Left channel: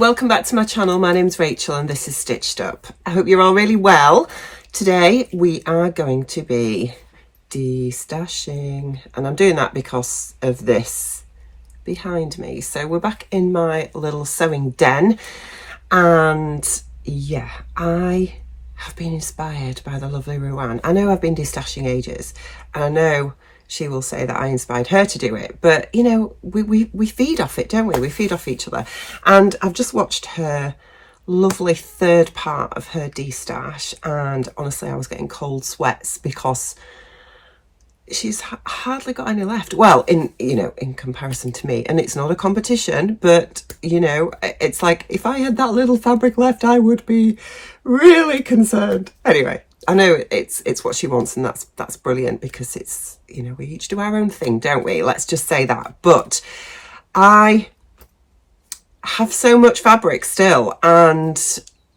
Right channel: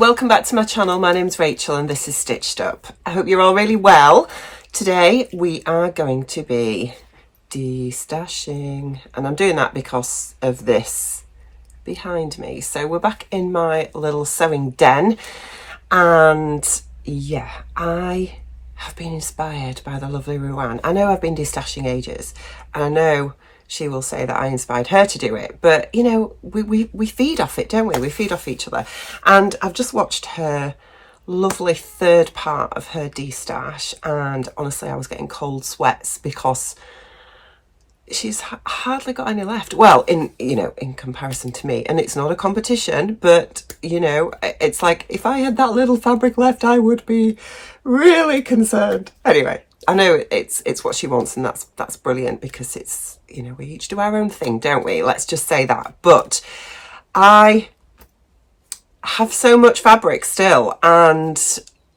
welcome back to my channel. My name's Rachel and this is Stitched Up. I hope you're all really well. Today we are going to be destashing, and I'm doing that because of this behind me. So we're back in my little sewing den, and yeah, I have been inspired by the lovely Ruan. I know I've been destashing ages, and I know she will say that I inspired her to do it, but you know, we feed off it, don't we? We feed off each other. And I've just watched her lovely third part of her destash, and honestly I was getting cold sweats because she's hardly got any left. Well, in comparison to me, and it's not a competition, but you know, it's like if I had that little fabric left, I would be really concerned. Anyway, I know it's what she wants, and that's brilliant, because it's, you know, we each do our own thing, don't we? Let's just say that. But I have so much fabric still, and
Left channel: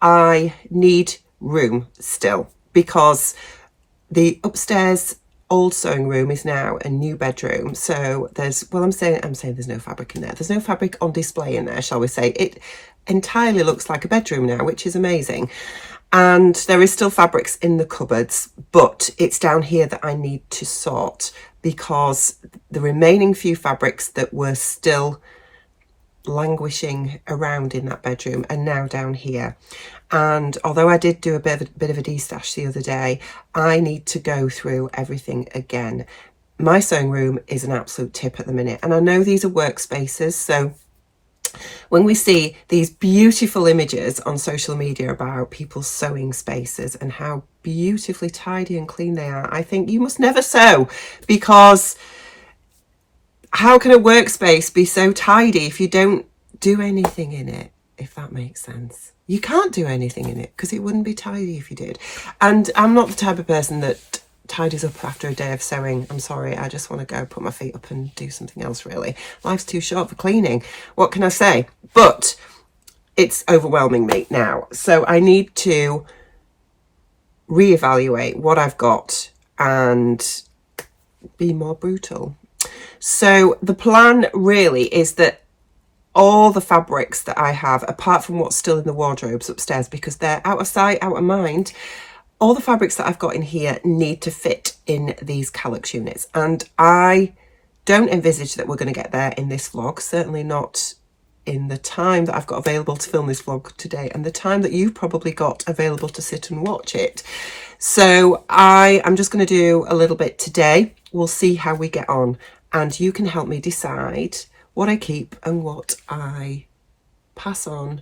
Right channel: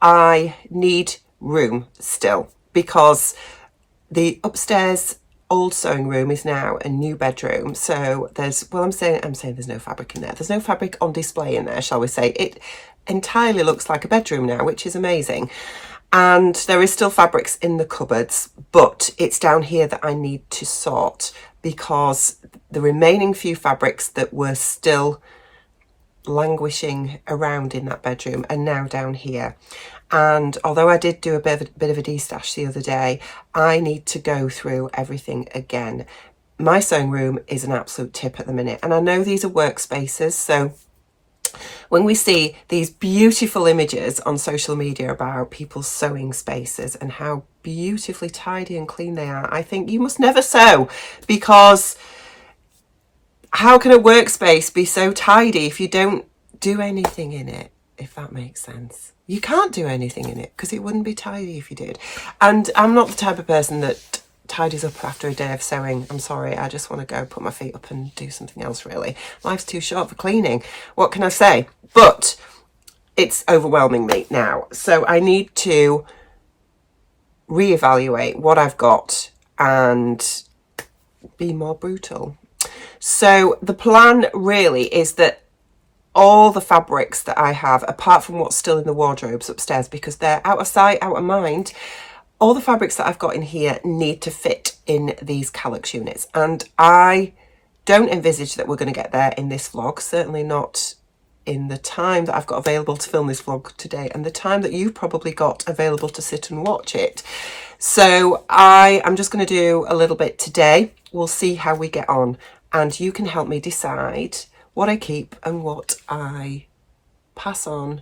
I need room still, because the upstairs old sewing room is now a new bedroom. So there's, well, I'm saying there's no fabric in there. There's no fabric on display in there, shall we say. It entirely looks like a bedroom now, which is amazing. And there is still fabrics in the cupboards, but it's down here that I need to sort, because the remaining few fabrics that were still languishing around in that bedroom are now down here. And although I did do a bit of a destash the other day, I need to go through everything again. My sewing room is an absolute tip at the minute, and I know these are workspaces, so when we see these beautiful images on social media about people's sewing spaces and how beautifully tidy and clean they are, I think you must never sew, because how can a workspace be so tidy if you don't do anything in it, if that makes sense? You can't do anything in it because it wouldn't be tidy if you did. And I'm not the type of person that tidies up after a day of sewing. I'm sorry, I just want to go put my feet up and do something else, really. Life's too short for cleaning. What can I say? But it's overwhelming me now. So I need to reevaluate what I've got and be more brutal. So the plan really is that all the fabrics that I have, apart from what's still in the wardrobes upstairs, because they're out of sight, out of mind, all the fabrics that I've got in here need to fit in these calyx units. And I don't envisage that we're going to get there in this vlog, certainly not in the time that I've got available to film this vlog today, and the time that you've probably got available to sit and watch it. So I'm just going to do a little bit today. We'll see how we get on, and you can help me decide what I keep and what I pass on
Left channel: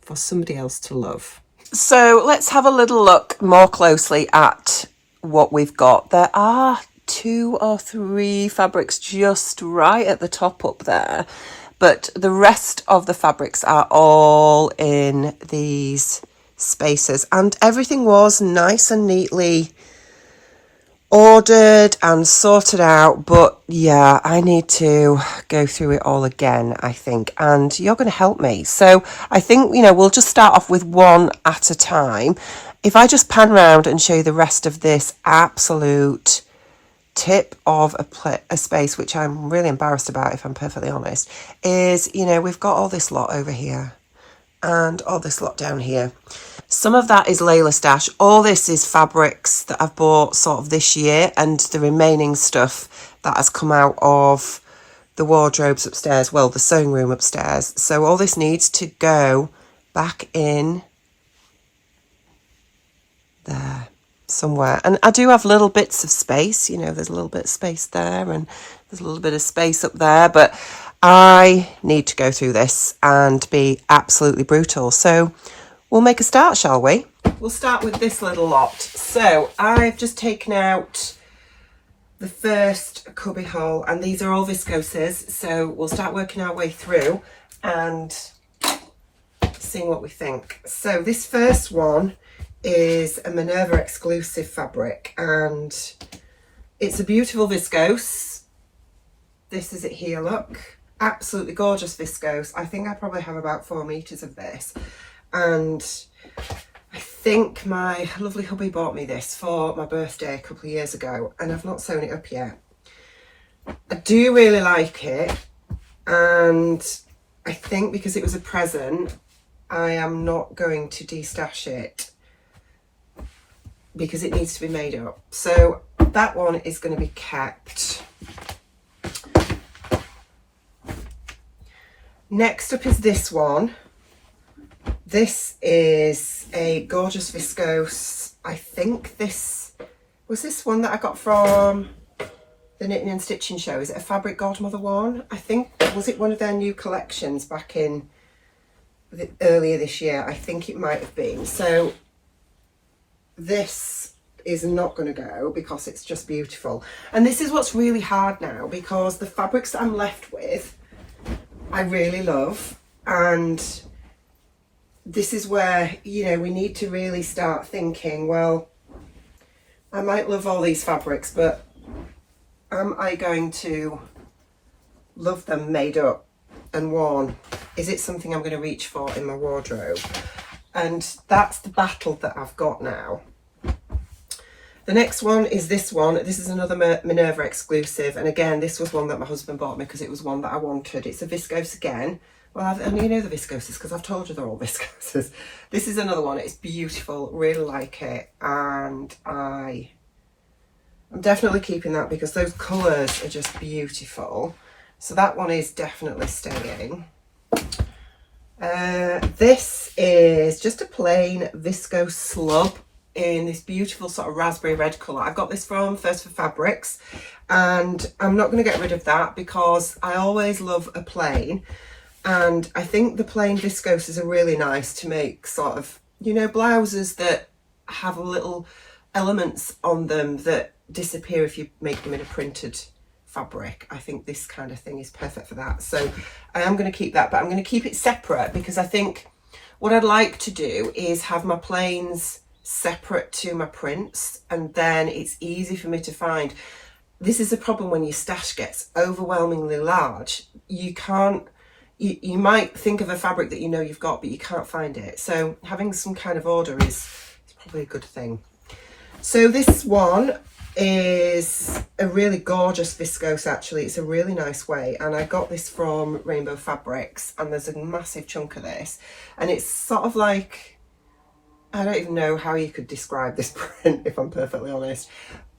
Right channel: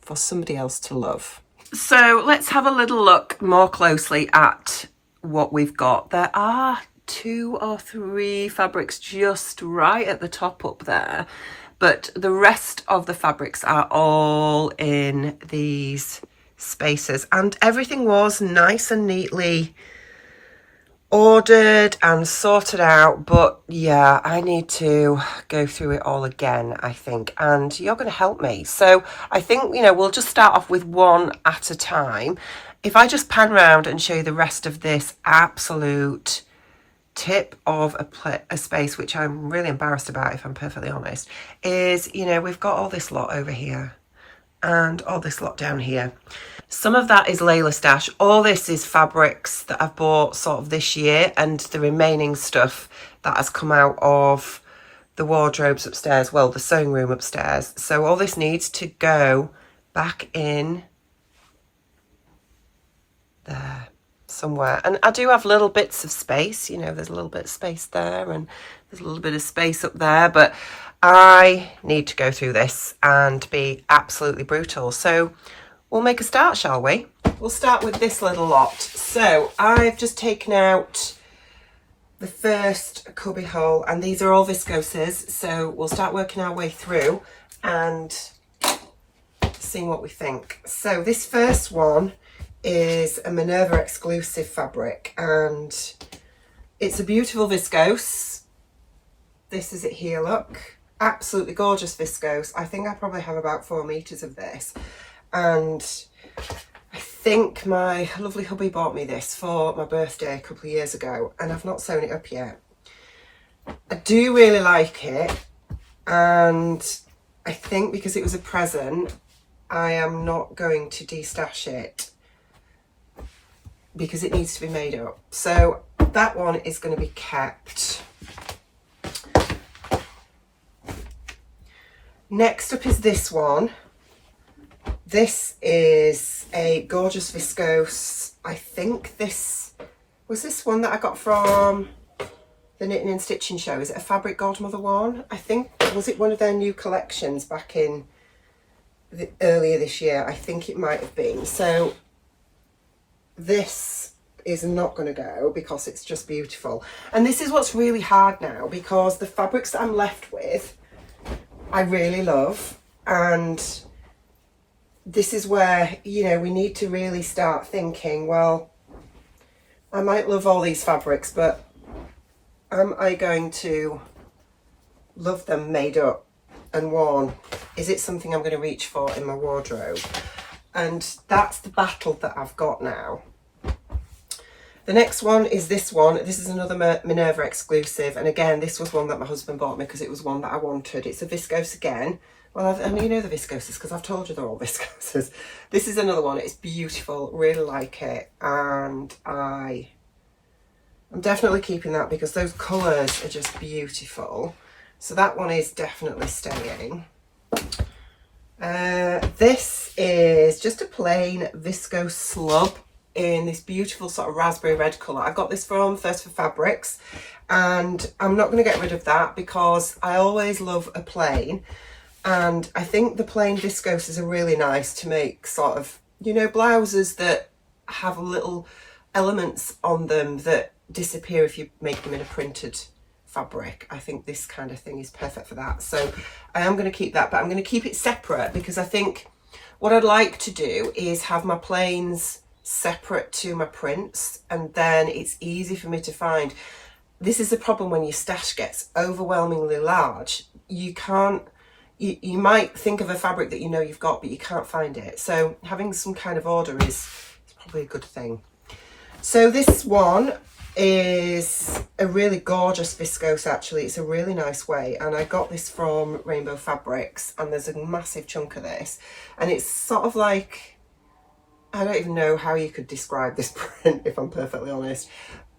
for somebody else to love. So let's have a little look more closely at what we've got. There are 2 or 3 fabrics just right at the top up there, but the rest of the fabrics are all in these spaces, and everything was nice and neatly ordered and sorted out. But yeah, I need to go through it all again, I think, and you're going to help me. So I think, you know, we'll just start off with one at a time. If I just pan around and show you the rest of this absolute tip of a space, which I'm really embarrassed about, if I'm perfectly honest, is, you know, we've got all this lot over here and all this lot down here. Some of that is Layla stash. All this is fabrics that I've bought sort of this year, and the remaining stuff that has come out of the wardrobes upstairs, well, the sewing room upstairs. So all this needs to go back in there somewhere. And I do have little bits of space, you know, there's a little bit of space there, and there's a little bit of space up there, but I need to go through this and be absolutely brutal. So we'll make a start, shall we? We'll start with this little lot. So I've just taken out the first cubby hole, and these are all viscoses. So we'll start working our way through and seeing what we think. So this first one is a Minerva exclusive fabric, and it's a beautiful viscose. This is it here, look. Absolutely gorgeous viscose. I think I probably have about 4 meters of this. And I think my lovely hubby bought me this for my birthday a couple of years ago, and I've not sewn it up yet. I do really like it, and I think because it was a present, I am not going to destash it because it needs to be made up. So that one is going to be kept. Next up is this one. This is a gorgeous viscose. I think this was this one that I got from the Knitting and Stitching Show. Is it a Fabric Godmother one? I think, was it one of their new collections back in earlier this year? I think it might have been. So this is not going to go because it's just beautiful. And this is what's really hard now, because the fabrics that I'm left with I really love, and this is where, you know, we need to really start thinking, well, I might love all these fabrics, but am I going to love them made up and worn? Is it something I'm going to reach for in my wardrobe? And that's the battle that I've got now. The next one is this one. This is another Minerva exclusive. And again, this was one that my husband bought me because it was one that I wanted. It's a viscose again. Well, and you know the viscoses because I've told you they're all viscoses. This is another one. It's beautiful. Really like it. And I'm definitely keeping that because those colours are just beautiful. So that one is definitely staying. This is just a plain viscose slub in this beautiful sort of raspberry red colour. I got this from First for Fabrics, and I'm not going to get rid of that because I always love a plain, and I think the plain viscoses are really nice to make sort of, you know, blouses that have little elements on them that disappear if you make them in a printed fabric. I think this kind of thing is perfect for that. So I am going to keep that, but I'm going to keep it separate because I think what I'd like to do is have my plains separate to my prints, and then it's easy for me to find. This is the problem when your stash gets overwhelmingly large. You can't, you might think of a fabric that you know you've got, but you can't find it. So having some kind of order is probably a good thing. So this one is a really gorgeous viscose, actually. It's a really nice weight, and I got this from Rainbow Fabrics, and there's a massive chunk of this, and it's sort of like, I don't even know how you could describe this print, if I'm perfectly honest.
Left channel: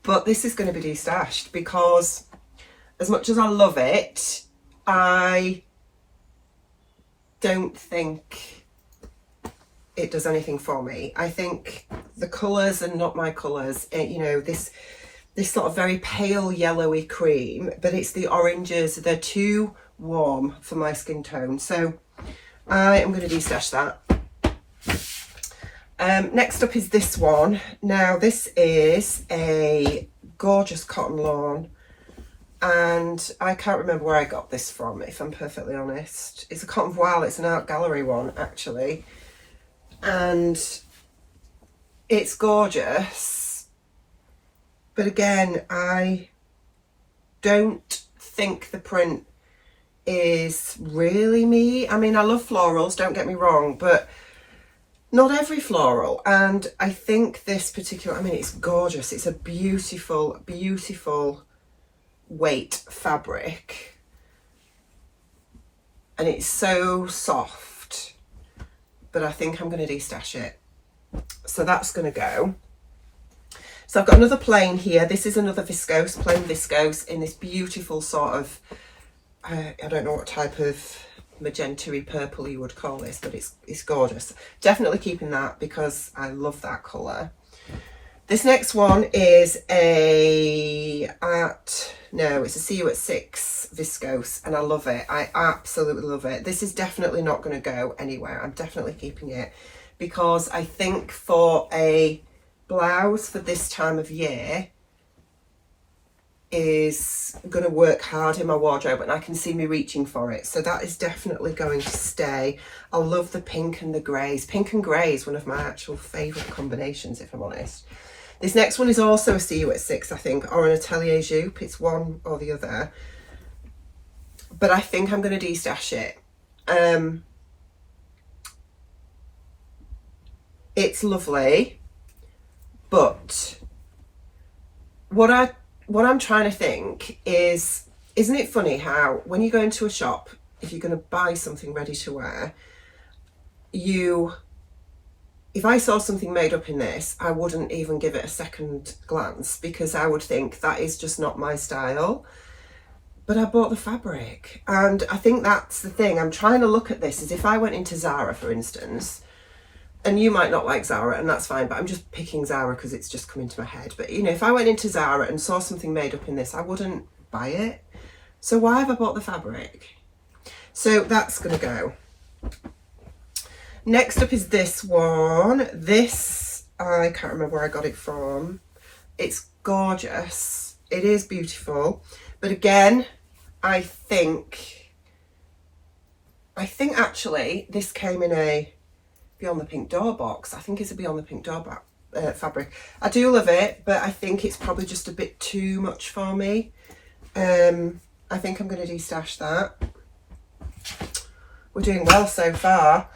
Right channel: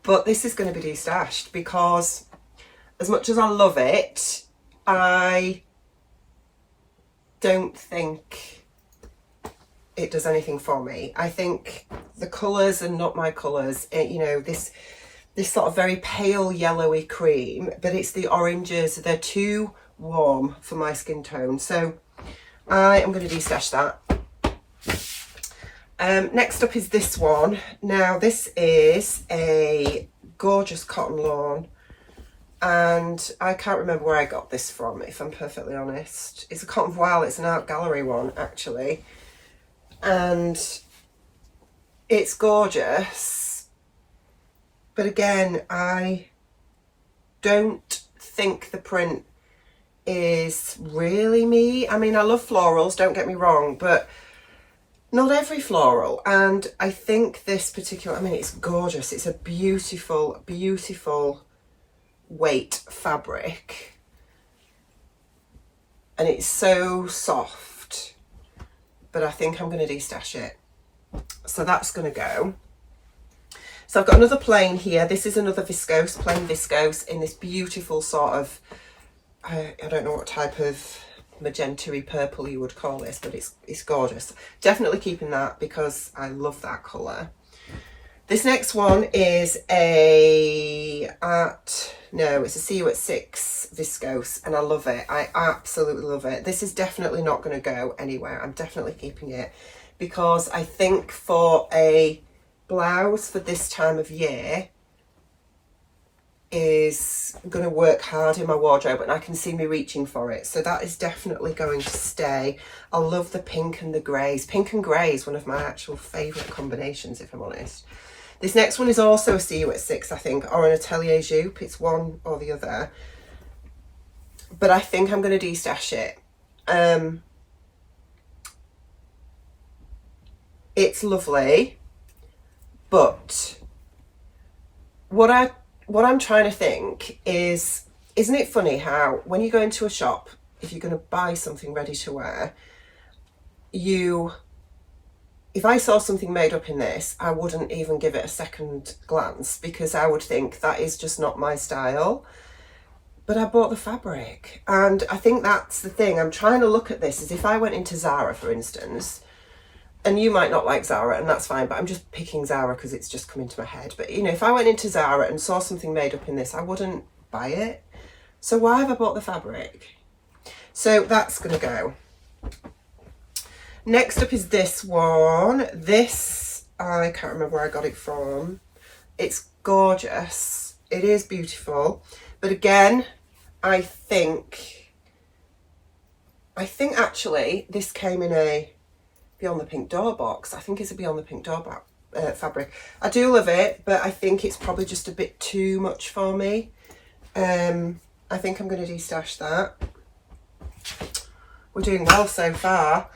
But this is going to be destashed because as much as I love it, I don't think it does anything for me. I think the colours are not my colours. You know, this sort of very pale yellowy cream, but it's the oranges. They're too warm for my skin tone. So I am going to destash that. Next up is this one. Now this is a gorgeous cotton lawn, and I can't remember where I got this from, if I'm perfectly honest. It's a cotton voile. It's an art gallery one, actually, and it's gorgeous, but again, I don't think the print is really me. I mean, I love florals, don't get me wrong, but not every floral. And I think this particular, I mean, it's gorgeous. It's a beautiful, beautiful weight fabric. And it's so soft. But I think I'm going to destash it. So that's going to go. So I've got another plain here. This is another viscose, plain viscose, in this beautiful sort of, I don't know what type of magenta-y purple you would call this, but it's gorgeous. Definitely keeping that because I love that colour. This next one is it's a See You at 6 viscose, and I love it. I absolutely love it. This is definitely not going to go anywhere. I'm definitely keeping it because I think for a blouse for this time of year is going to work hard in my wardrobe, and I can see me reaching for it. So that is definitely going to stay. I love the pink and the greys. Pink and grey is one of my actual favourite combinations, if I'm honest. This next one is also a See You at 6, I think, or an Atelier Jupe. It's one or the other. But I think I'm going to destash it. It's lovely, but what I'm trying to think is, isn't it funny how when you go into a shop, if you're going to buy something ready to wear, if I saw something made up in this, I wouldn't even give it a second glance because I would think that is just not my style. But I bought the fabric, and I think that's the thing. I'm trying to look at this as if I went into Zara, for instance, and you might not like Zara, and that's fine, but I'm just picking Zara because it's just come into my head. But, you know, if I went into Zara and saw something made up in this, I wouldn't buy it. So why have I bought the fabric? So that's going to go. Next up is this one. This, I can't remember where I got it from. It's gorgeous. It is beautiful. But again, I think actually this came in a Beyond the Pink Door box. I think it's a Beyond the Pink Door fabric. I do love it, but I think it's probably just a bit too much for me. I think I'm going to destash that. We're doing well so far.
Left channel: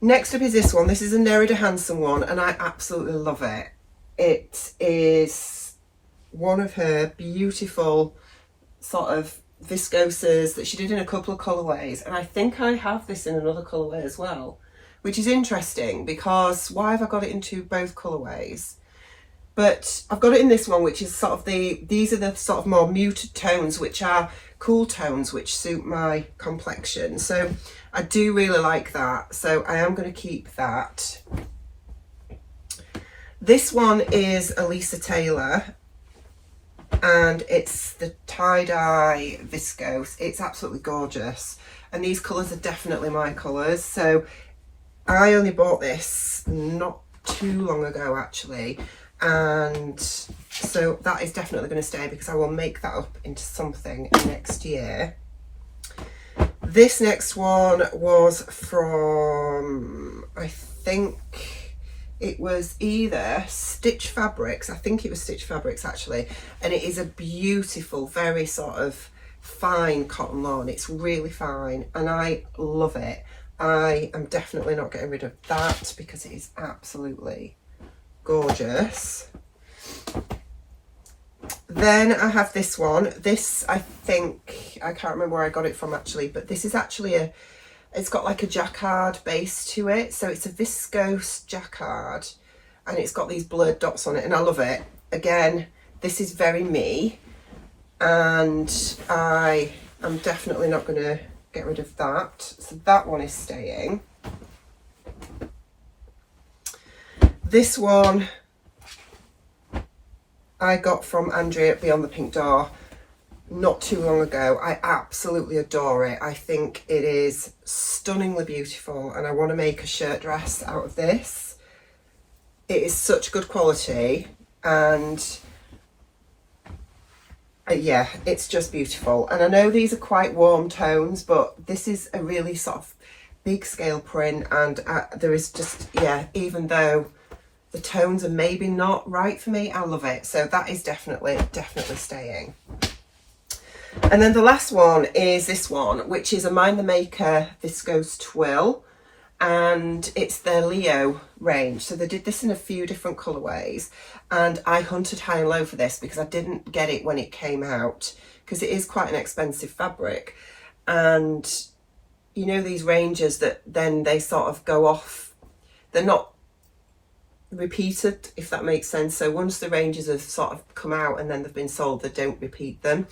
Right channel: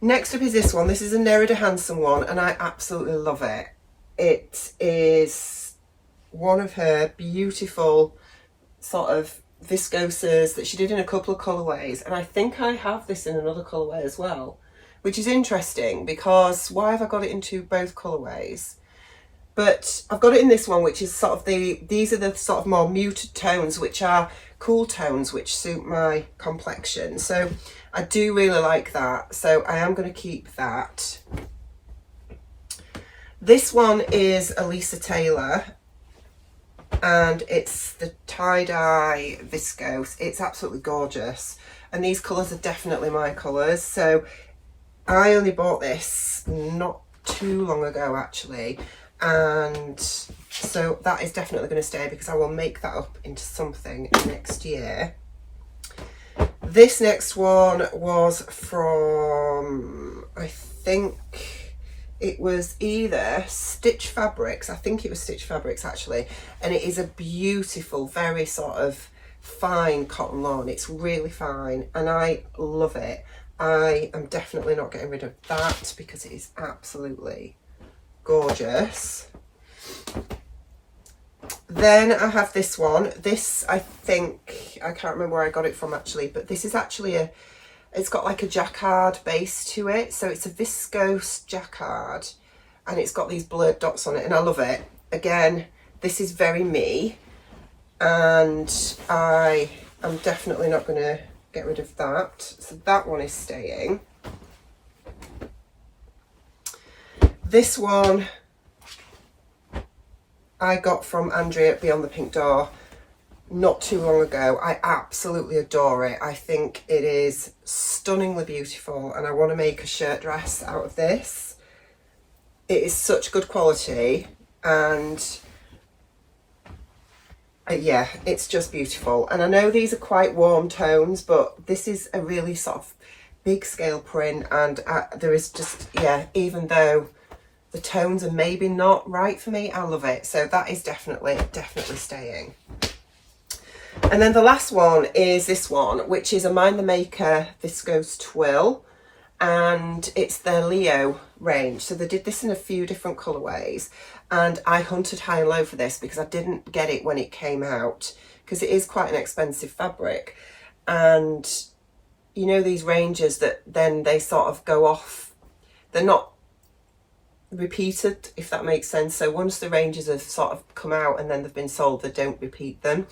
Next up is this one. This is a Nerida Hanson one, and I absolutely love it. It is one of her beautiful sort of viscoses that she did in a couple of colourways, and I think I have this in another colourway as well, which is interesting because why have I got it into both colourways? But I've got it in this one, which is sort of these are the sort of more muted tones, which are cool tones, which suit my complexion. So I do really like that. So I am going to keep that. This one is Elisa Taylor, and it's the tie-dye viscose. It's absolutely gorgeous. And these colours are definitely my colours. So I only bought this not too long ago, actually. And so that is definitely going to stay because I will make that up into something next year. This next one was from, I think it was either Stitch Fabrics. I think it was Stitch Fabrics actually. And it is a beautiful, very sort of fine cotton lawn. It's really fine and I love it. I am definitely not getting rid of that because it is absolutely gorgeous. Then I have this one. This, I think, I can't remember where I got it from actually, but this is actually it's got like a jacquard base to it. So it's a viscose jacquard and it's got these blurred dots on it and I love it. Again, this is very me and I am definitely not going to get rid of that. So that one is staying. This one I got from Andrea at Beyond the Pink Door not too long ago. I absolutely adore it. I think it is stunningly beautiful and I want to make a shirt dress out of this. It is such good quality and yeah, it's just beautiful. And I know these are quite warm tones, but this is a really sort of big scale print and there is just, yeah, even though the tones are maybe not right for me, I love it. So that is definitely staying. And then the last one is this one, which is a Mind the Maker viscose twill, and it's their Leo range. So they did this in a few different colourways, and I hunted high and low for this because I didn't get it when it came out because it is quite an expensive fabric. And you know these ranges that then they sort of go off, they're not repeated, if that makes sense. So once the ranges have sort of come out and then they've been sold, they don't repeat them.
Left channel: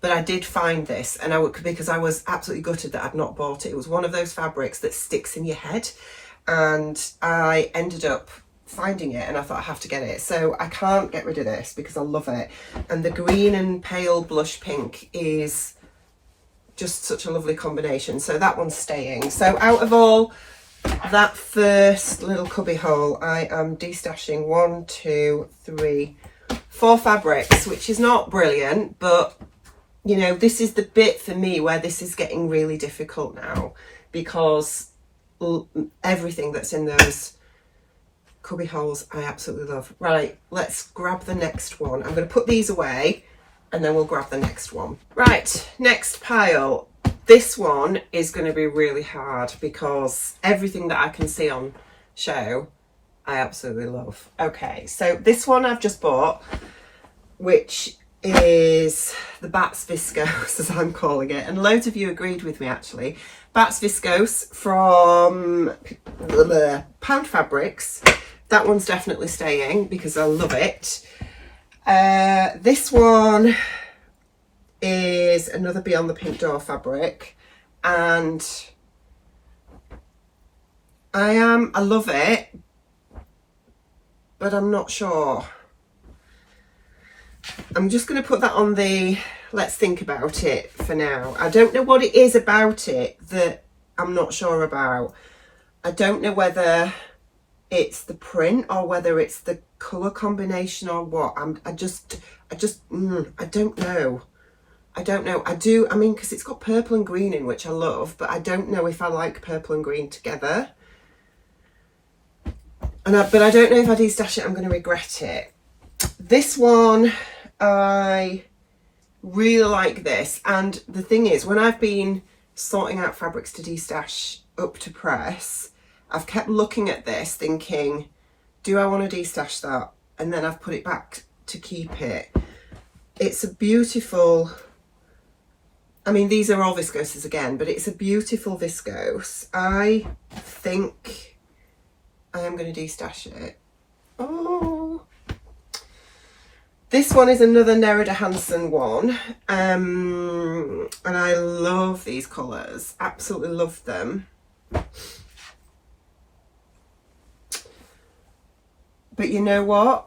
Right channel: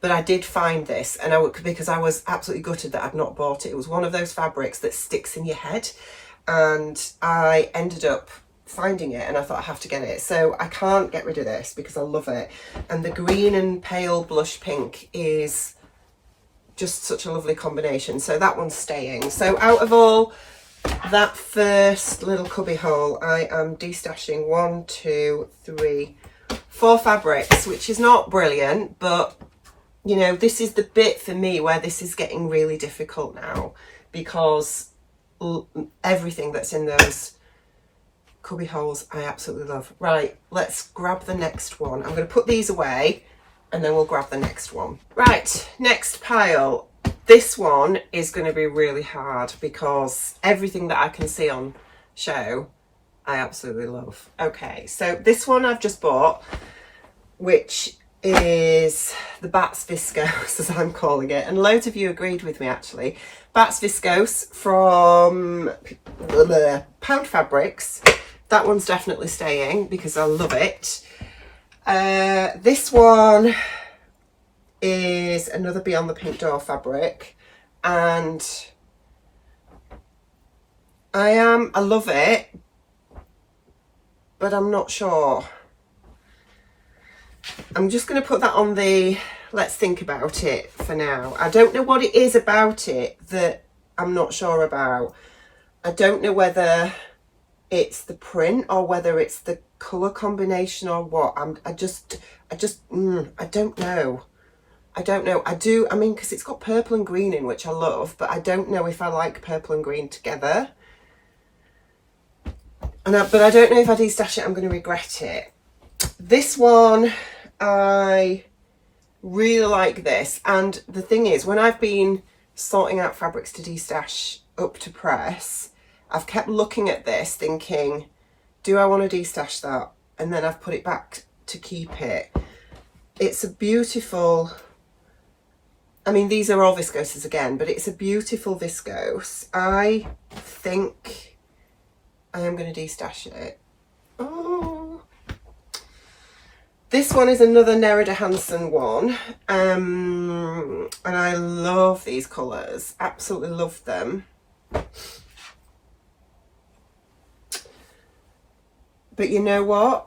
But I did find this and because I was absolutely gutted that I'd not bought it. It was one of those fabrics that sticks in your head and I ended up finding it and I thought I have to get it. So I can't get rid of this because I love it. And the green and pale blush pink is just such a lovely combination. So that one's staying. So out of all that first little cubby hole, I am destashing 1, 2, 3, 4 fabrics, which is not brilliant, but you know, this is the bit for me where this is getting really difficult now because everything that's in those cubby holes I absolutely love. Right, let's grab the next one. I'm going to put these away and then we'll grab the next one. Right, next pile. This one is going to be really hard because everything that I can see on show, I absolutely love. Okay, so this one I've just bought, which is the Bats Viscose, as I'm calling it, and loads of you agreed with me actually. Bats Viscose from Pound Fabrics. That one's definitely staying because I love it. This one is another Beyond the Pink Door fabric, and I love it, but I'm not sure. I'm just going to put that on the let's think about it for now. I don't know what it is about it that I'm not sure about. I don't know whether it's the print or whether it's the colour combination or what. I don't know. I mean, because it's got purple and green in, which I love, but I don't know if I like purple and green together. But I don't know if I destash it, I'm going to regret it. This one, I really like this. And the thing is, when I've been sorting out fabrics to destash up to press, I've kept looking at this thinking, do I want to destash that? And then I've put it back to keep it. It's a beautiful, I mean, these are all viscoses again, but it's a beautiful viscose. I think I am going to destash it. Oh, this one is another Nerida Hansen one, and I love these colours, absolutely love them. But you know what?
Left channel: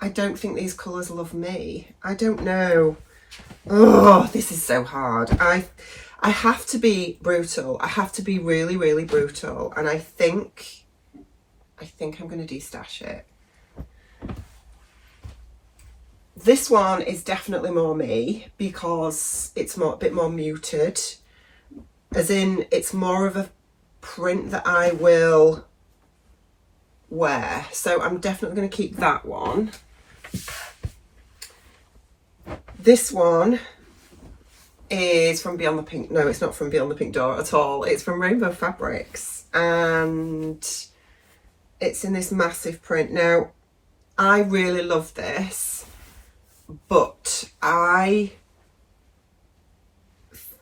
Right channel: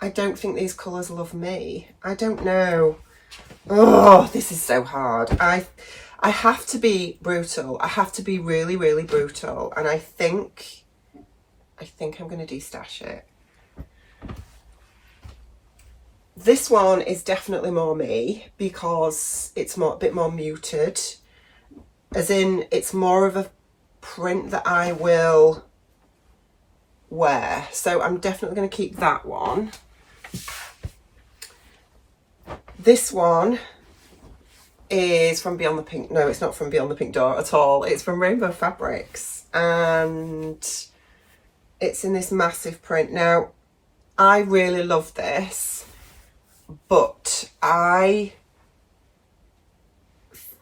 I don't think these colours love me. I don't know. Oh, this is so hard. I have to be brutal. I have to be really, really brutal. And I think I'm going to destash it. This one is definitely more me because it's a bit more muted. As in, it's more of a print that I will wear. So I'm definitely going to keep that one. This one is from Beyond the Pink. No, it's not from Beyond the Pink Door at all. It's from Rainbow Fabrics. And it's in this massive print. Now, I really love this, but I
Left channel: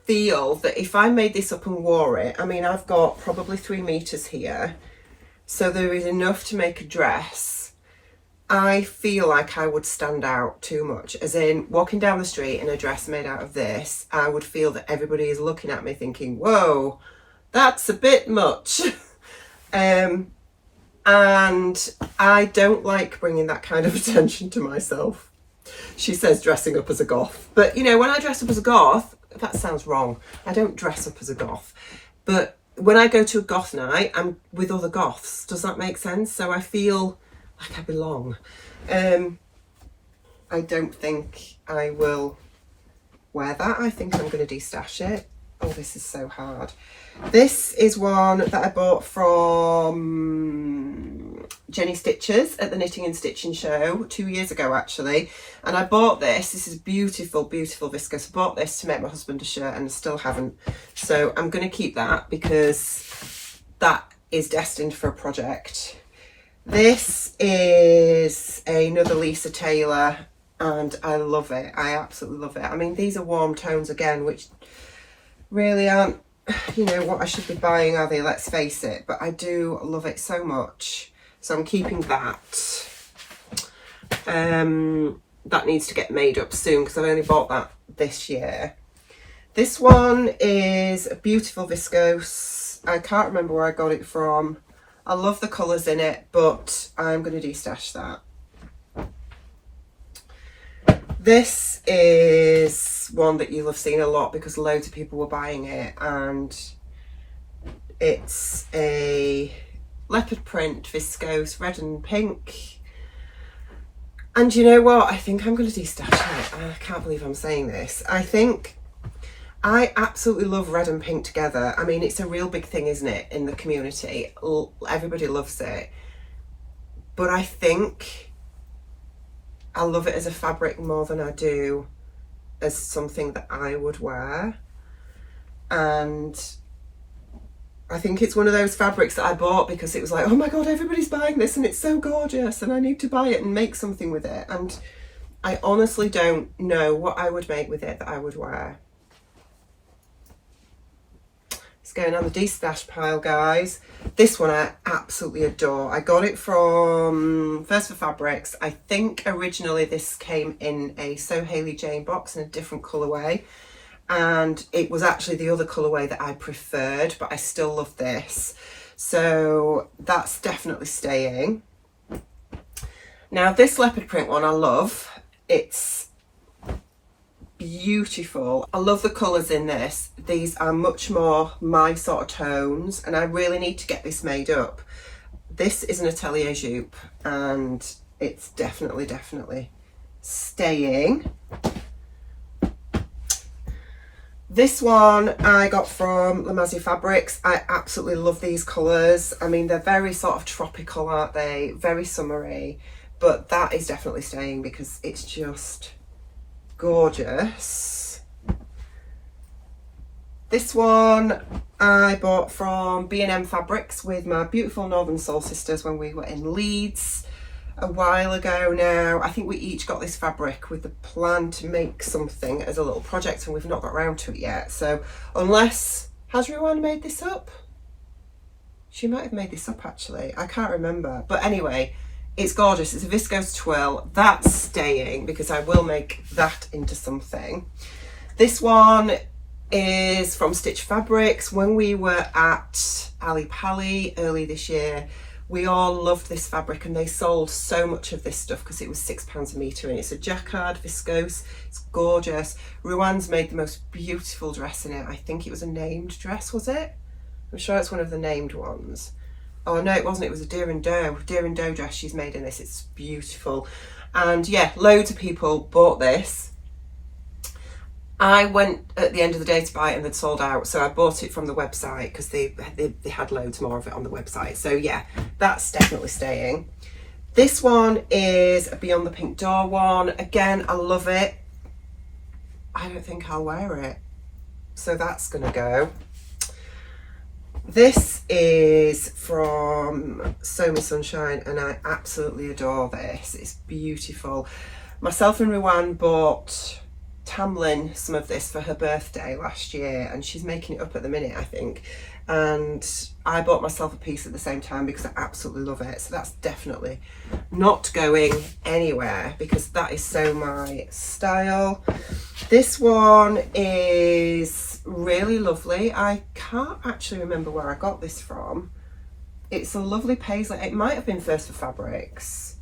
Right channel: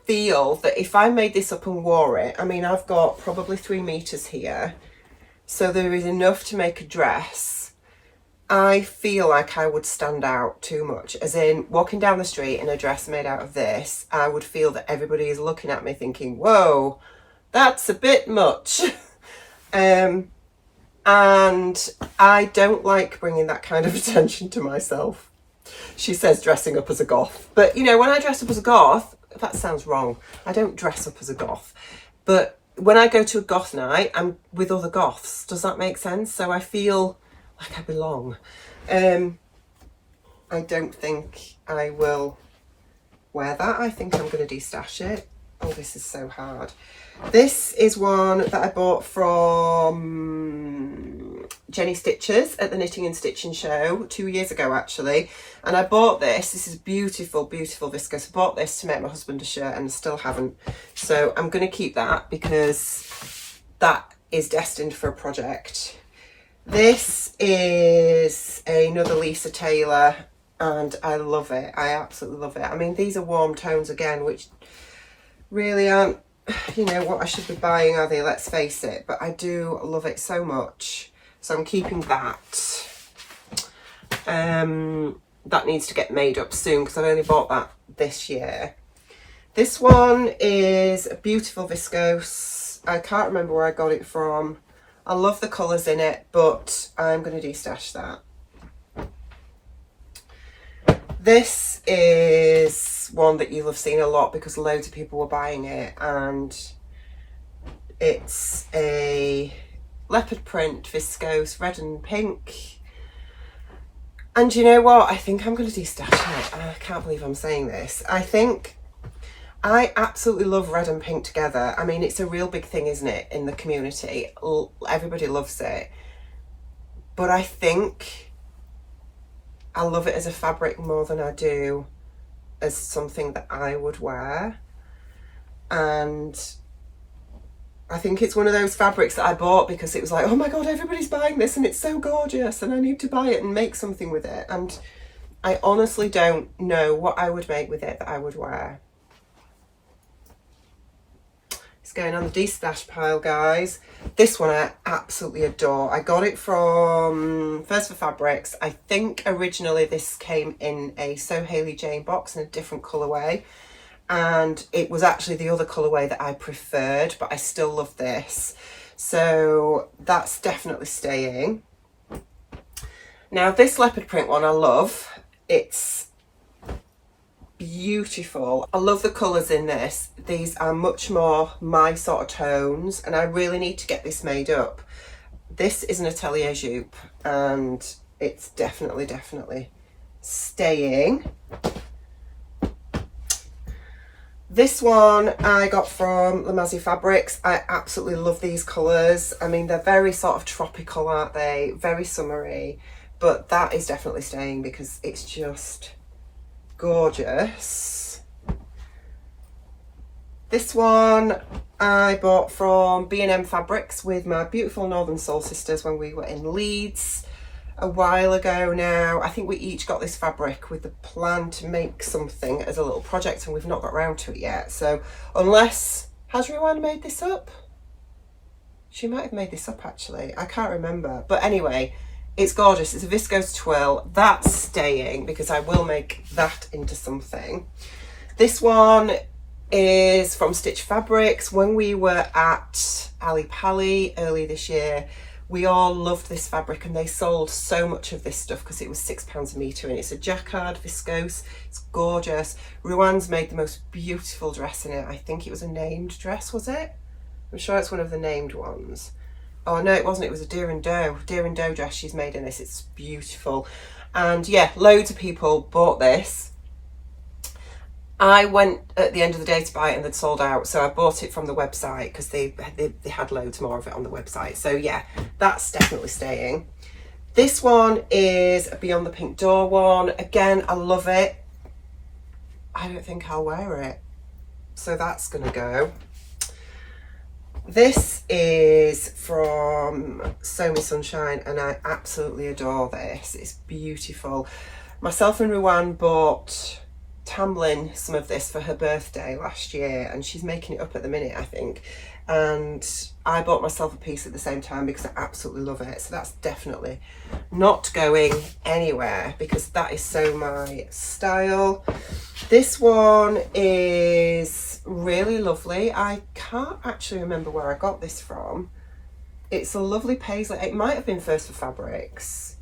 feel that if I made this up and wore it, I mean, I've got probably 3 meters here, so there is enough to make a dress. I feel like I would stand out too much, as in walking down the street in a dress made out of this, I would feel that everybody is looking at me thinking, whoa, that's a bit much. And I don't like bringing that kind of attention to myself. She says dressing up as a goth. But, you know, when I dress up as a goth, that sounds wrong. I don't dress up as a goth. But when I go to a goth night, I'm with other goths. Does that make sense? So I feel like I belong. I don't think I will wear that. I think I'm going to destash it. Oh, this is so hard. This is one that I bought from Jenny Stitches at the Knitting and Stitching show 2 years ago, actually. And I bought this. This is beautiful, beautiful viscose. I bought this to make my husband a shirt and still haven't. So I'm going to keep that because that is destined for a project. This is another Lisa Taylor and I love it. I absolutely love it. I mean, these are warm tones again, which really aren't, you know, what I should be buying, are they? Let's face it. But I do love it so much. So I'm keeping that. That needs to get made up soon because I've only bought that this year. This one is a beautiful viscose. I can't remember where I got it from. I love the colours in it, but I'm going to destash that. This is one that you'll have seen a lot because loads of people were buying it, and it's a leopard print viscose, red and pink. And you know what? I think I'm going to destash it. I can't believe I'm saying this. I absolutely love red and pink together. I mean, it's a real big thing, isn't it, in the community? Everybody loves it. But I think I love it as a fabric more than I do as something that I would wear. And I think it's one of those fabrics that I bought because it was like, oh my God, everybody's buying this and it's so gorgeous and I need to buy it and make something with it. And I honestly don't know what I would make with it that I would wear. It's going on the Destash pile, guys. This one I absolutely adore. I got it from First for Fabrics. I think originally this came in a So Hailey Jane box in a different colourway, and it was actually the other colourway that I preferred, but I still love this. So that's definitely staying. Now this leopard print one I love. It's beautiful. I love the colours in this. These are much more my sort of tones, and I really need to get this made up. This is an atelier jupe, and it's definitely staying. This one I got from Lamazzi Fabrics. I absolutely love these colours. I mean, they're very sort of tropical, aren't they? Very summery, but that is definitely staying because it's just gorgeous. This one I bought from B&M Fabrics with my beautiful Northern Soul sisters when we were in Leeds a while ago now. I think we each got this fabric with the plan to make something as a little project, and we've not got around to it yet. So unless, has Ruan made this up? She might have made this up actually, I can't remember. But anyway, it's gorgeous. It's a viscose twill. That's staying because I will make that into something. This one is from Stitch Fabrics. When we were at Ali Pali early this year, we all loved this fabric, and they sold so much of this stuff because it was £6 a metre, and it's a jacquard viscose. It's gorgeous. Ruan's made the most beautiful dress in it. I think it was a named dress, was it? I'm sure it's one of the named ones. Oh no, it wasn't. It was a deer and doe dress she's made in this. It's beautiful. And yeah, loads of people bought this. I went at the end of the day to buy it and they'd sold out, so I bought it from the website because they had loads more of it on the website. So yeah, that's definitely staying. This one is a Beyond the Pink Door one. Again, I love it. I don't think I'll wear it, so that's gonna go. This is from Sew Me Sunshine, and I absolutely adore this. It's beautiful. Myself and Ruan bought Tamlin some of this for her birthday last year, and she's making it up at the minute, I think. And I bought myself a piece at the same time because I absolutely love it. So that's definitely not going anywhere because that is so my style. This one is really lovely. I can't actually remember where I got this from. It's a lovely paisley. It might have been First for Fabrics.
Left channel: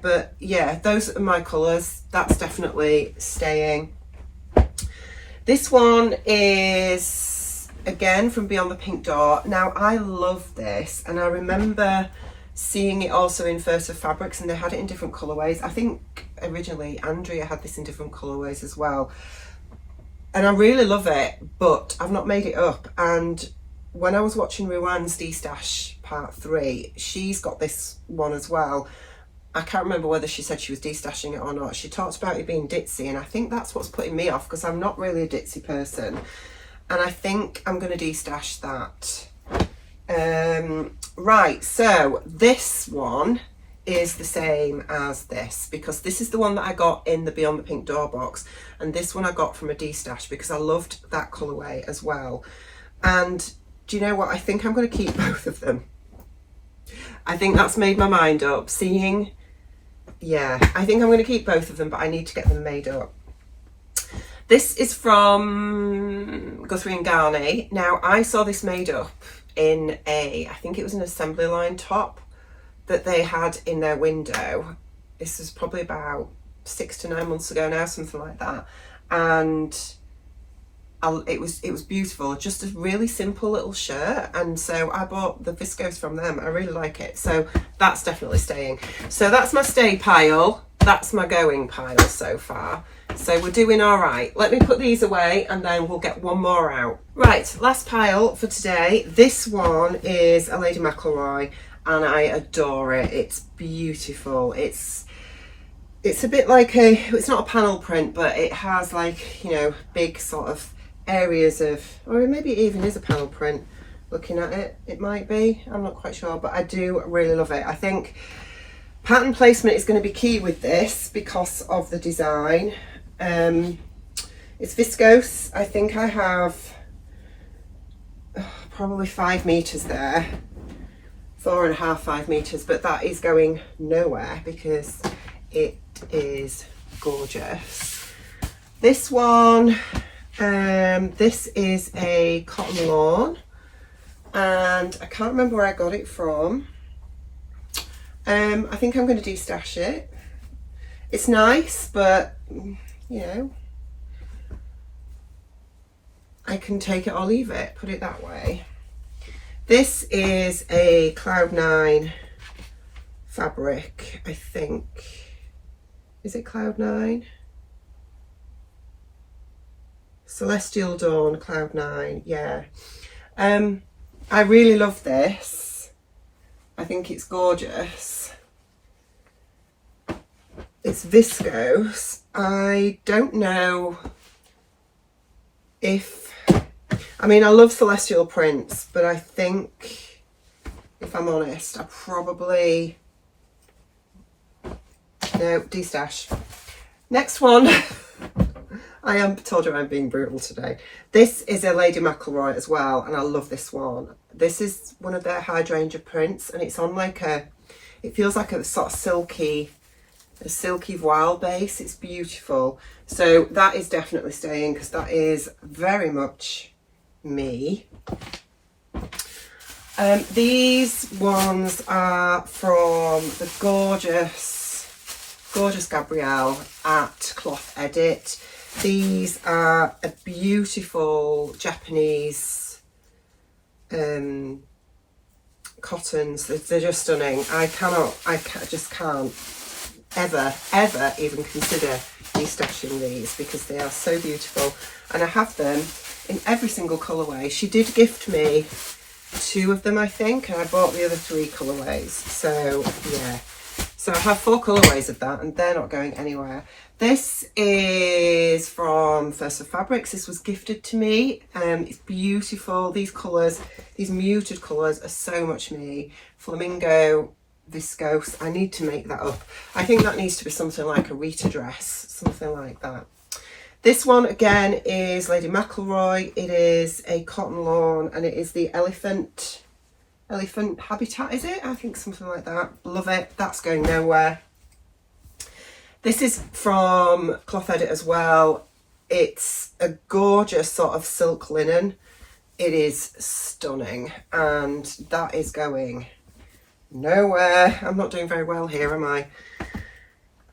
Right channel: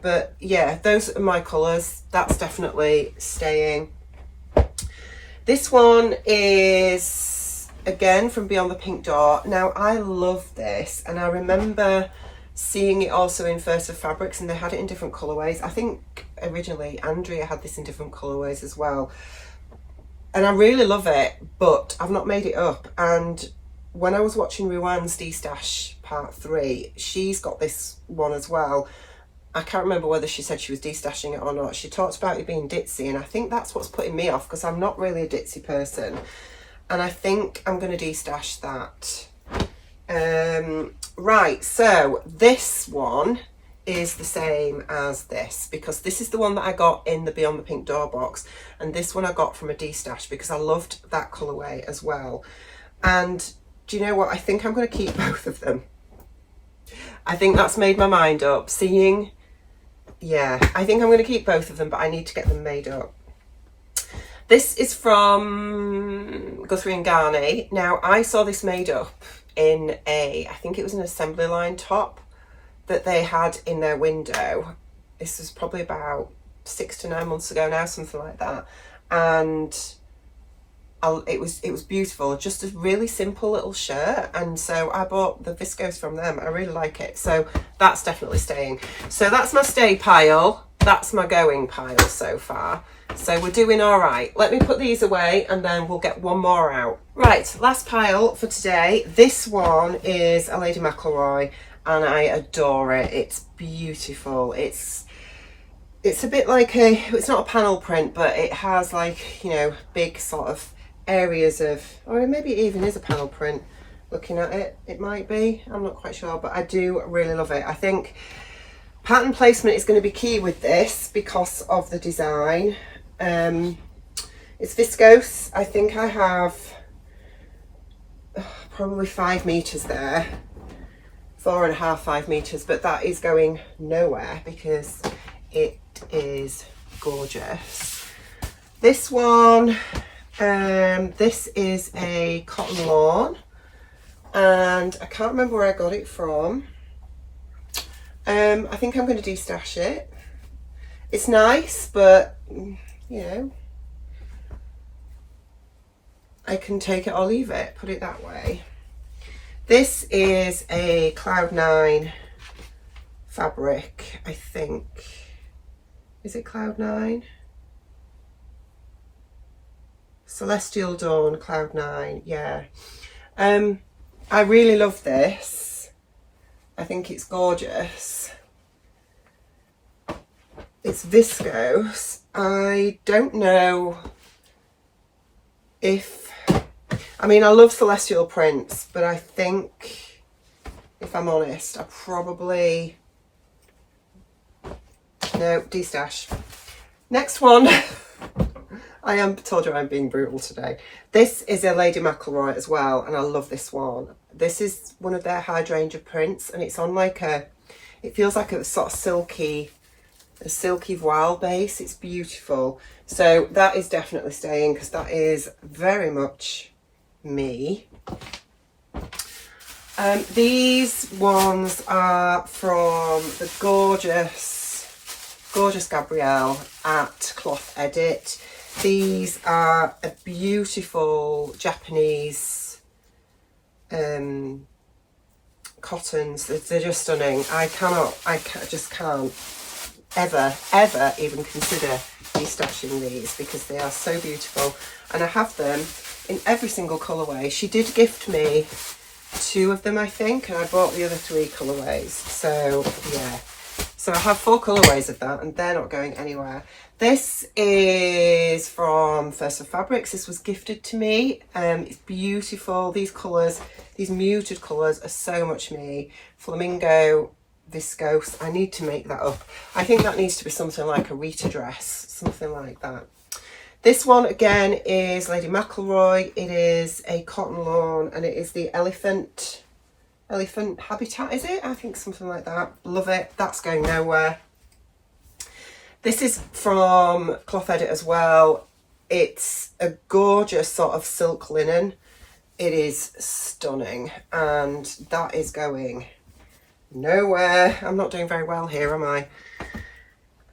But yeah, those are my colours. That's definitely staying. This one is again from Beyond the Pink Door. Now I love this, and I remember seeing it also in First for Fabrics, and they had it in different colourways. I think originally Andrea had this in different colourways as well. And I really love it, but I've not made it up. And when I was watching Ruan's Destash Part 3, she's got this one as well. I can't remember whether she said she was destashing it or not. She talked about it being ditzy, and I think that's what's putting me off because I'm not really a ditzy person. And I think I'm going to destash that. Right, so this one is the same as this because this is the one that I got in the Beyond the Pink Door box, and this one I got from a Destash because I loved that colourway as well. And do you know what? I think I'm going to keep both of them. I think that's made my mind up. Yeah, I think I'm going to keep both of them, but I need to get them made up. This is from Guthrie and Garney. Now, I saw this made up in I think it was an assembly line top that they had in their window. This was probably about 6 to 9 months ago now, something like that. And it was beautiful, just a really simple little shirt, and so I bought the viscose from them. I really like it, so that's definitely staying. So that's my stay pile, that's my going pile so far. So we're doing all right. Let me put these away and then we'll get one more out. Right, last pile for today. This one is a Lady McElroy, and I adore it. It's beautiful. It's a bit like it's not a panel print, but it has like, you know, big sort of areas of, or maybe it even is a panel print. Looking at it, it might be, I'm not quite sure, but I do really love it. I think Pattern placement is going to be key with this because of the design. It's viscose. I think I have probably 5 meters there, 4.5, 5 meters, but that is going nowhere because it is gorgeous. This one, this is a cotton lawn, and I can't remember where I got it from. I think I'm going to destash it. It's nice, but you know, I can take it or leave it, put it that way. This is a Cloud 9 fabric, I think. Is it Cloud 9? Celestial Dawn Cloud 9, yeah. I really love this. I think it's gorgeous. It's viscose. I don't know if, I mean, I love celestial prints, but I think, if I'm honest, I probably, no, destash. Next one. I told you I'm being brutal today. This is a Lady McElroy as well, and I love this one. This is one of their hydrangea prints, and it's on like it feels like a sort of silky voile base. It's beautiful. So that is definitely staying because that is very much me. These ones are from the gorgeous Gabrielle at Cloth Edit. These are a beautiful Japanese cottons. They're just stunning. I just can't ever even consider destashing these because they are so beautiful, and I have them in every single colourway. She did gift me 2 of them, I think, and I bought the other 3 colourways. So yeah, so I have 4 colourways of that, and they're not going anywhere. This is from First of Fabrics. This was gifted to me. It's beautiful. These colours, these muted colours are so much me. Flamingo viscose. I need to make that up. I think that needs to be something like a Rita dress, something like that. This one again is Lady McElroy. It is a cotton lawn, and it is the elephant habitat, is it? I think something like that. Love it. That's going nowhere. This is from Cloth Edit as well. It's a gorgeous sort of silk linen. It is stunning, and that is going nowhere. I'm not doing very well here, am I?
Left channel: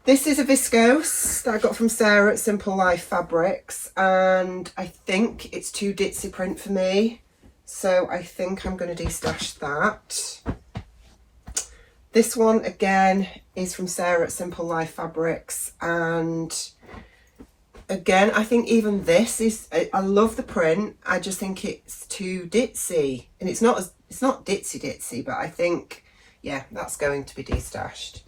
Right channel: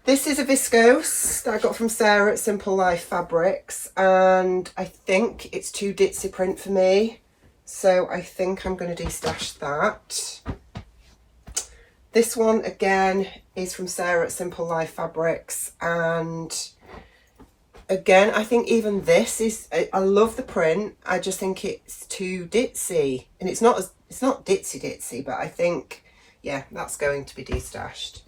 This is a viscose that I got from Sarah at Simple Life Fabrics, and I think it's too ditzy print for me, so I think I'm going to destash that. This one again is from Sarah at Simple Life Fabrics, and again I think even this is, I love the print, I just think it's too ditzy, and it's not ditzy, but I think, yeah, that's going to be destashed.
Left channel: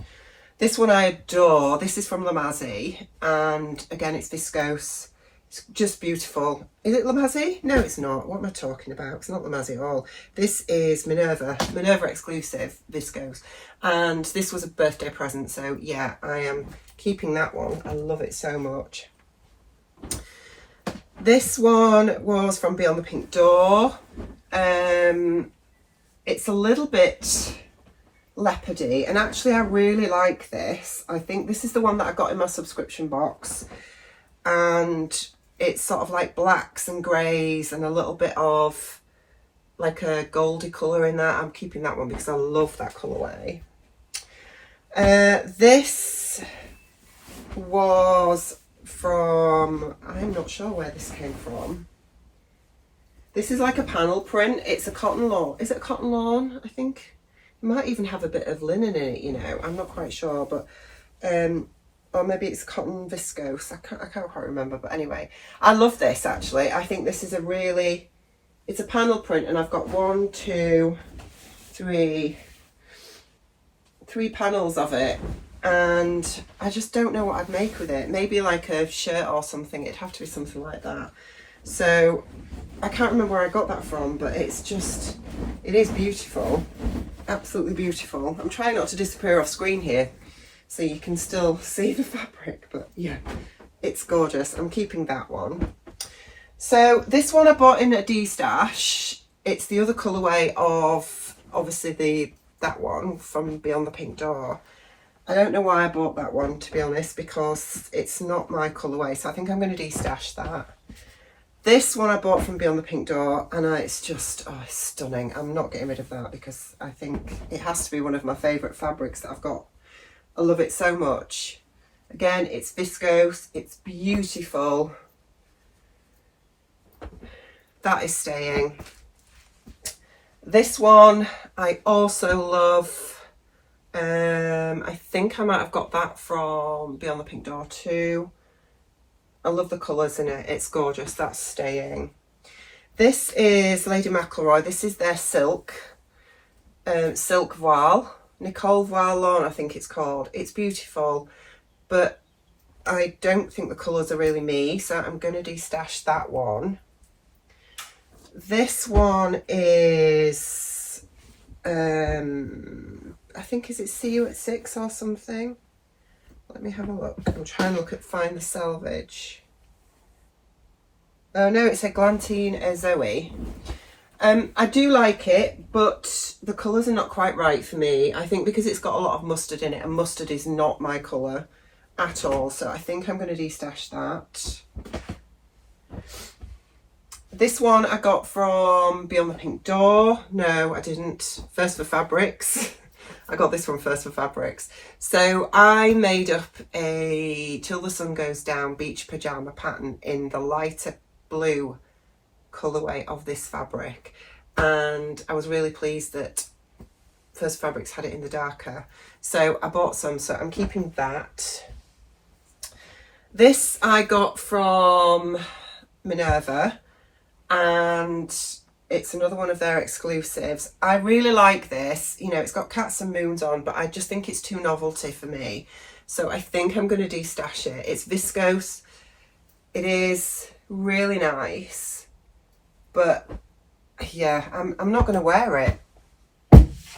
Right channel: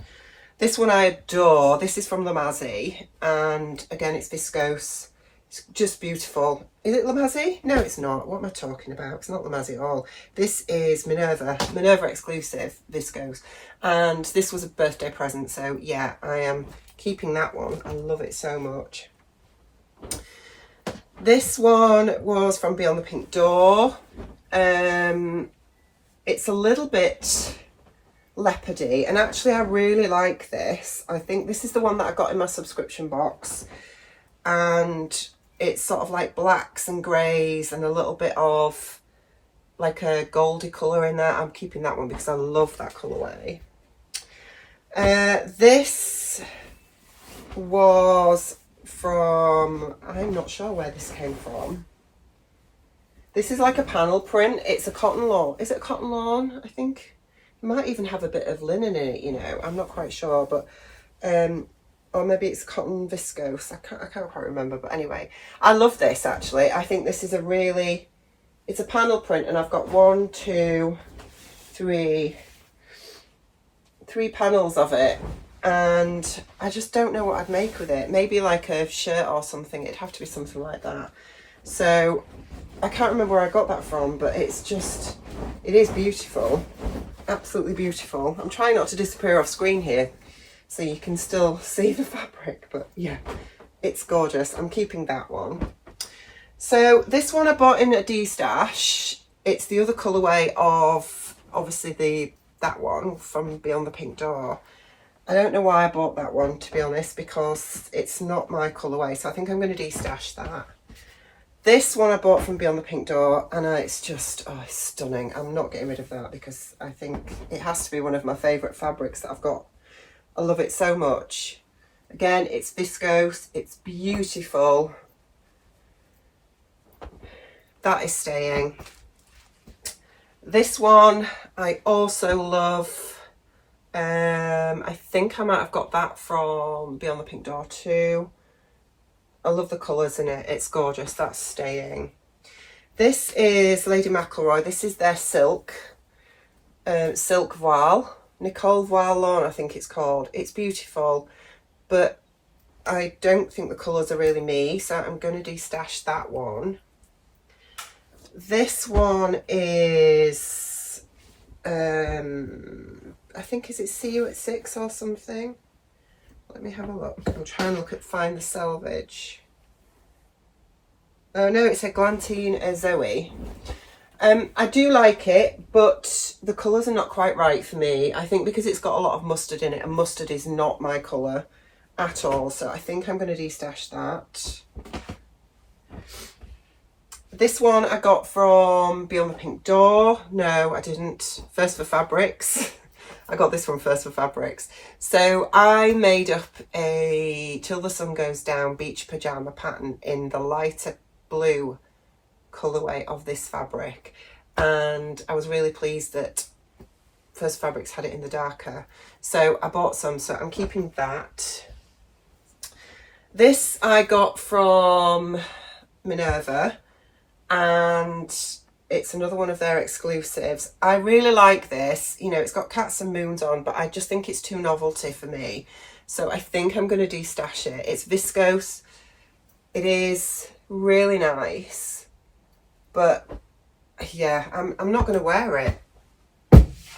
This one I adore. This is from Lamazi, and again it's viscose. It's just beautiful. Is it Lamazi? No, it's not. What am I talking about? It's not Lamazi at all. This is Minerva exclusive viscose, and this was a birthday present, so yeah, I am keeping that one. I love it so much. This one was from Beyond the Pink Door. It's a little bit leopardy, and actually I really like this. I think this is the one that I got in my subscription box, and it's sort of like blacks and greys and a little bit of like a goldy colour in there. I'm keeping that one because I love that colourway. This was from, I'm not sure where this came from. This is like a panel print. It's a cotton lawn. Is it a cotton lawn? I think it might even have a bit of linen in it, you know. I'm not quite sure, but or maybe it's cotton viscose. I can't quite remember, but anyway, I love this actually. I think this is a really, it's a panel print, and I've got 1, 2, 3 panels of it, and I just don't know what I'd make with it. Maybe like a shirt or something. It'd have to be something like that. So I can't remember where I got that from, but it's just, it is beautiful, absolutely beautiful. I'm trying not to disappear off screen here so you can still see the fabric, but yeah, it's gorgeous. I'm keeping that one. So this one I bought in a Destash. It's the other colourway of obviously that one from Beyond the Pink Door. I don't know why I bought that one, to be honest, because it's not my colourway, so I think I'm going to destash that. This one I bought from Beyond the Pink Door, and it's just, oh, it's stunning. I'm not getting rid of that because I think it has to be one of my favourite fabrics that I've got. I love it so much. Again, it's viscose, it's beautiful. That is staying. This one I also love. I think I might have got that from Beyond the Pink Door too. I love the colours in it. It's gorgeous. That's staying. This is Lady McElroy. This is their silk voile. Nicole Voile Lawn, I think it's called. It's beautiful, but I don't think the colours are really me, so I'm going to destash that one. This one is, I think, is it See You at 6 or something? Let me have a look. I'm trying to find the selvage. Oh no, it's a Glantine Zoe. I do like it, but the colours are not quite right for me. I think because it's got a lot of mustard in it, and mustard is not my colour at all. So I think I'm going to destash that. This one I got from Beyond the Pink Door. No, I didn't. First for Fabrics. I got this one first for Fabrics. So I made up a Till the Sun Goes Down beach pyjama pattern in the lighter blue colourway of this fabric, and I was really pleased that First Fabrics had it in the darker, so I bought some, so I'm keeping that. This I got from Minerva, and it's another one of their exclusives. I really like this. You know, it's got cats and moons on, but I just think it's too novelty for me, so I think I'm going to destash it. It's viscose. It is really nice, but yeah, I'm not going to wear it.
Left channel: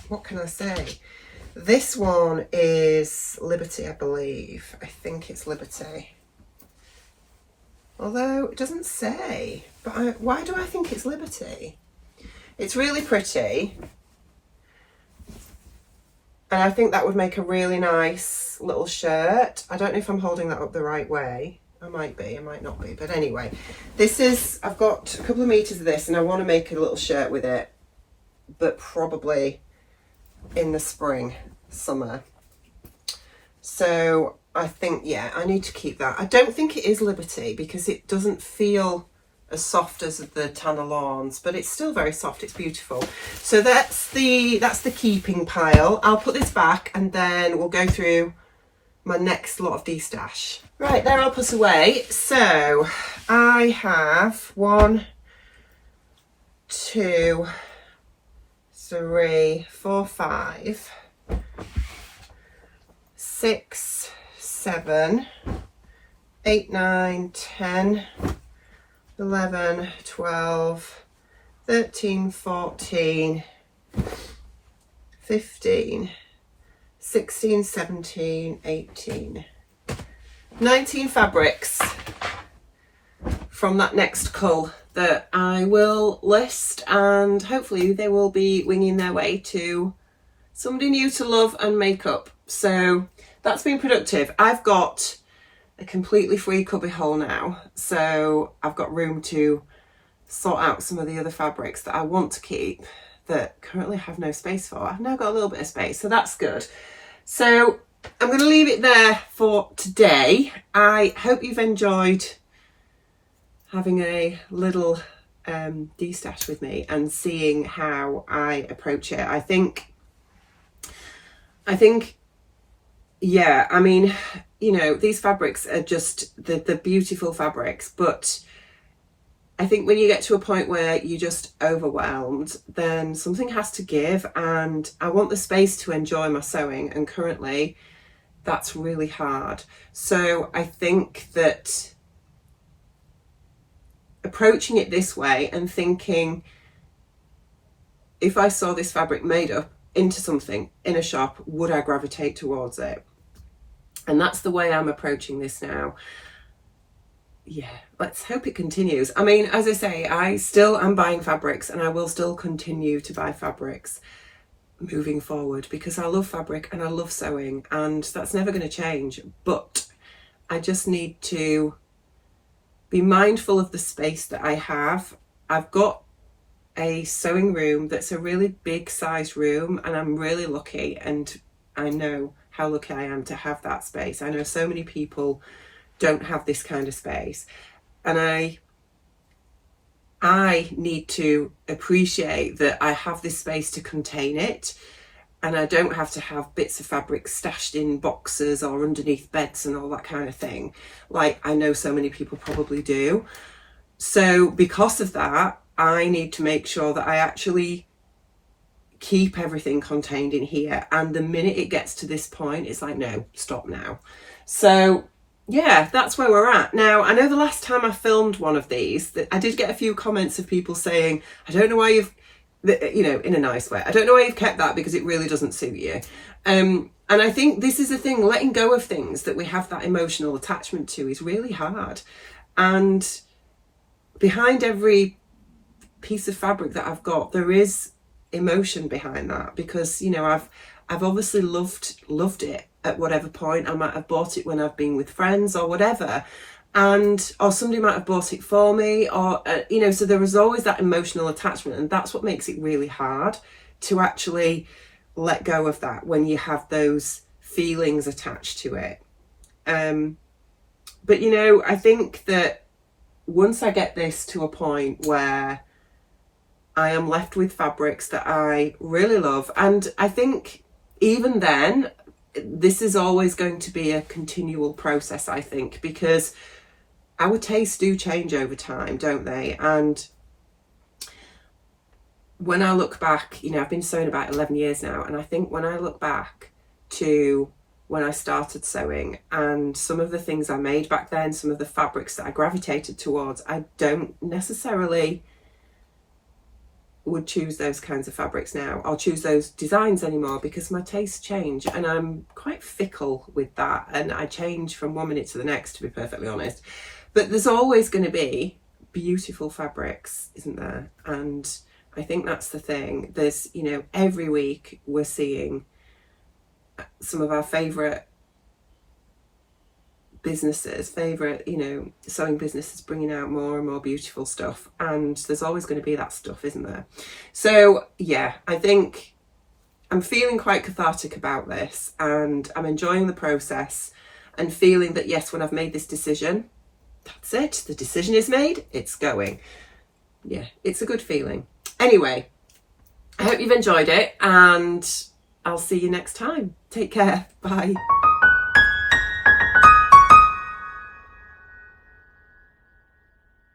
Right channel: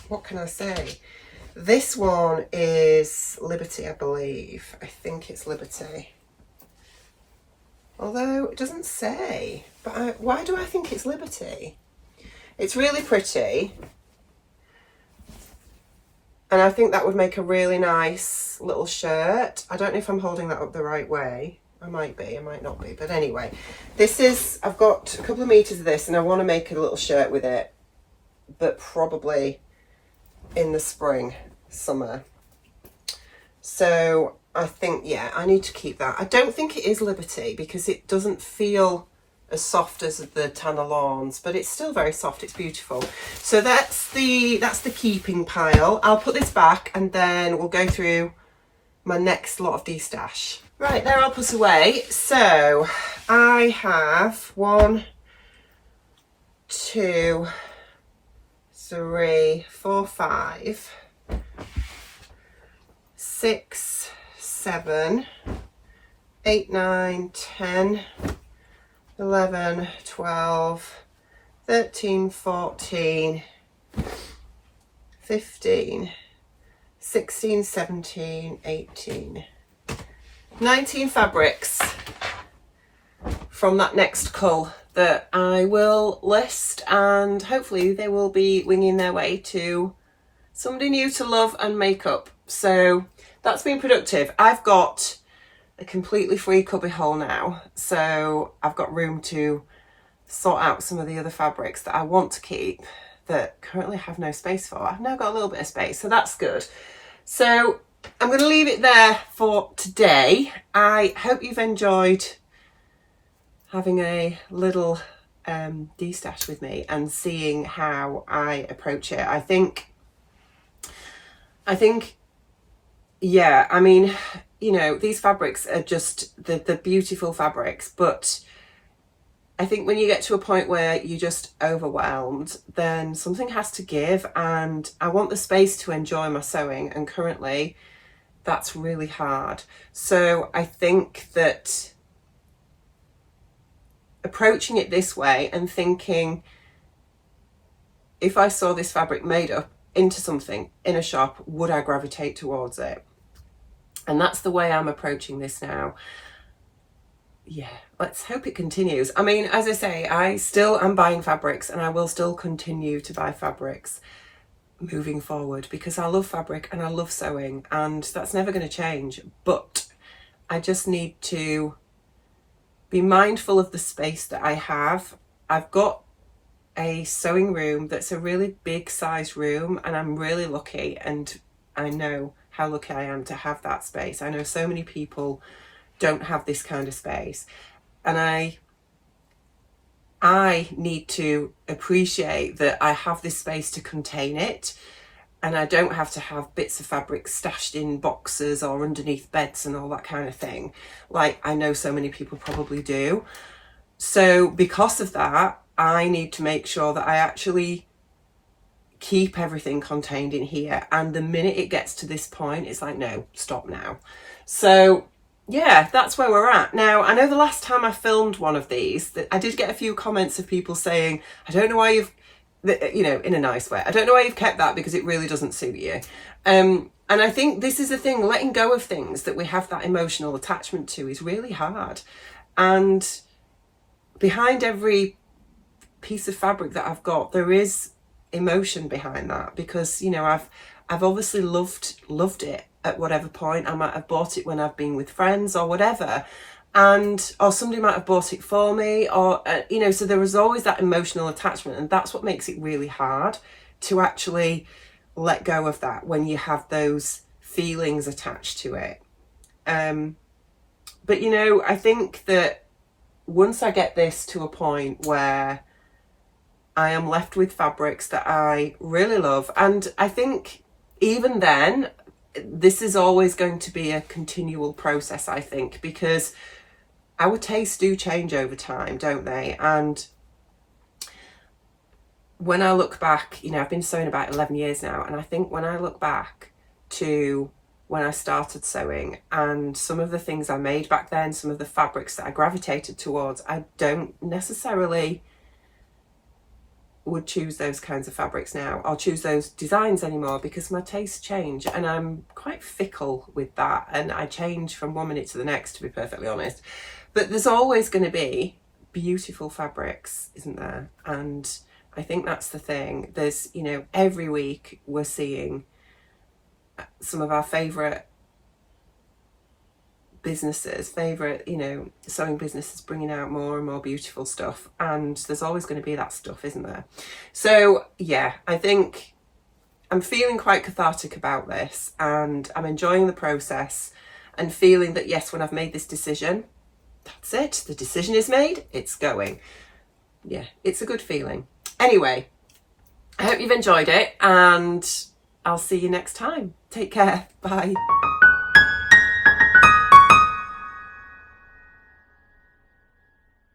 What can I say? This one is Liberty, I believe. I think it's Liberty. Although it doesn't say. But why do I think it's Liberty? It's really pretty. And I think that would make a really nice little shirt. I don't know if I'm holding that up the right way. I might be, I might not be. But anyway, this is, I've got a couple of meters of this and I want to make a little shirt with it. But probably in the spring, summer. So I think, yeah, I need to keep that. I don't think it is Liberty because it doesn't feel as soft as the Tanner Lawns, but it's still very soft. It's beautiful. So that's the keeping pile. I'll put this back and then we'll go through my next lot of destash. Right, there I'll put away. So I have 1, 2, 3, 4, 5, 6, 7, 8, 9, 10, 11, 12, 13, 14, 15, 16, 17, 18, 19 fabrics from that next cull that I will list, and hopefully they will be winging their way to somebody new to love and make up. So that's been productive. I've got a completely free cubby hole now, so I've got room to sort out some of the other fabrics that I want to keep that currently have no space for. I've now got a little bit of space, so that's good. So I'm going to leave it there for today. I hope you've enjoyed having a little destash with me and seeing how I approach it. I think, yeah, I mean, you know, these fabrics are just the beautiful fabrics, but I think when you get to a point where you're just overwhelmed, then something has to give, and I want the space to enjoy my sewing, and currently that's really hard. So I think that approaching it this way and thinking, if I saw this fabric made up into something in a shop, would I gravitate towards it? And that's the way I'm approaching this now. Yeah, let's hope it continues. I mean, as I say, I still am buying fabrics, and I will still continue to buy fabrics moving forward, because I love fabric and I love sewing, and that's never going to change. But I just need to be mindful of the space that I have. I've got a sewing room that's a really big size room, and I'm really lucky, and I know how lucky I am to have that space. I know so many people don't have this kind of space, and I need to appreciate that I have this space to contain it, and I don't have to have bits of fabric stashed in boxes or underneath beds and all that kind of thing, like I know so many people probably do. So because of that, I need to make sure that I actually keep everything contained in here. And the minute it gets to this point, it's like, no, stop now. So yeah, that's where we're at. Now, I know the last time I filmed one of these, that I did get a few comments of people saying, I don't know why you've, you know, in a nice way, I don't know why you've kept that, because it really doesn't suit you. And I think this is the thing, letting go of things that we have that emotional attachment to is really hard. And behind every piece of fabric that I've got, there is emotion behind that, because, you know, I've obviously loved it at whatever point. I might have bought it when I've been with friends or whatever, or somebody might have bought it for me, or you know, so there is always that emotional attachment, and that's what makes it really hard to actually let go of that when you have those feelings attached to it. But you know, I think that once I get this to a point where I am left with fabrics that I really love, and I think even then, this is always going to be a continual process, I think, because our tastes do change over time, don't they? And when I look back, you know, I've been sewing about 11 years now, and I think when I look back to when I started sewing and some of the things I made back then, some of the fabrics that I gravitated towards, I don't necessarily would choose those kinds of fabrics now. I'll choose those designs anymore, because my tastes change, and I'm quite fickle with that, and I change from one minute to the next, to be perfectly honest. But there's always going to be beautiful fabrics, isn't there? And I think that's the thing. There's, you know, every week we're seeing some of our favourite businesses, you know, sewing businesses bringing out more and more beautiful stuff, and there's always going to be that stuff, isn't there? So yeah, I think I'm feeling quite cathartic about this, and I'm enjoying the process, and feeling that yes, when I've made this decision, that's it, the decision is made, it's going. Yeah, it's a good feeling. Anyway, I hope you've enjoyed it, and I'll see you next time. Take care. Bye.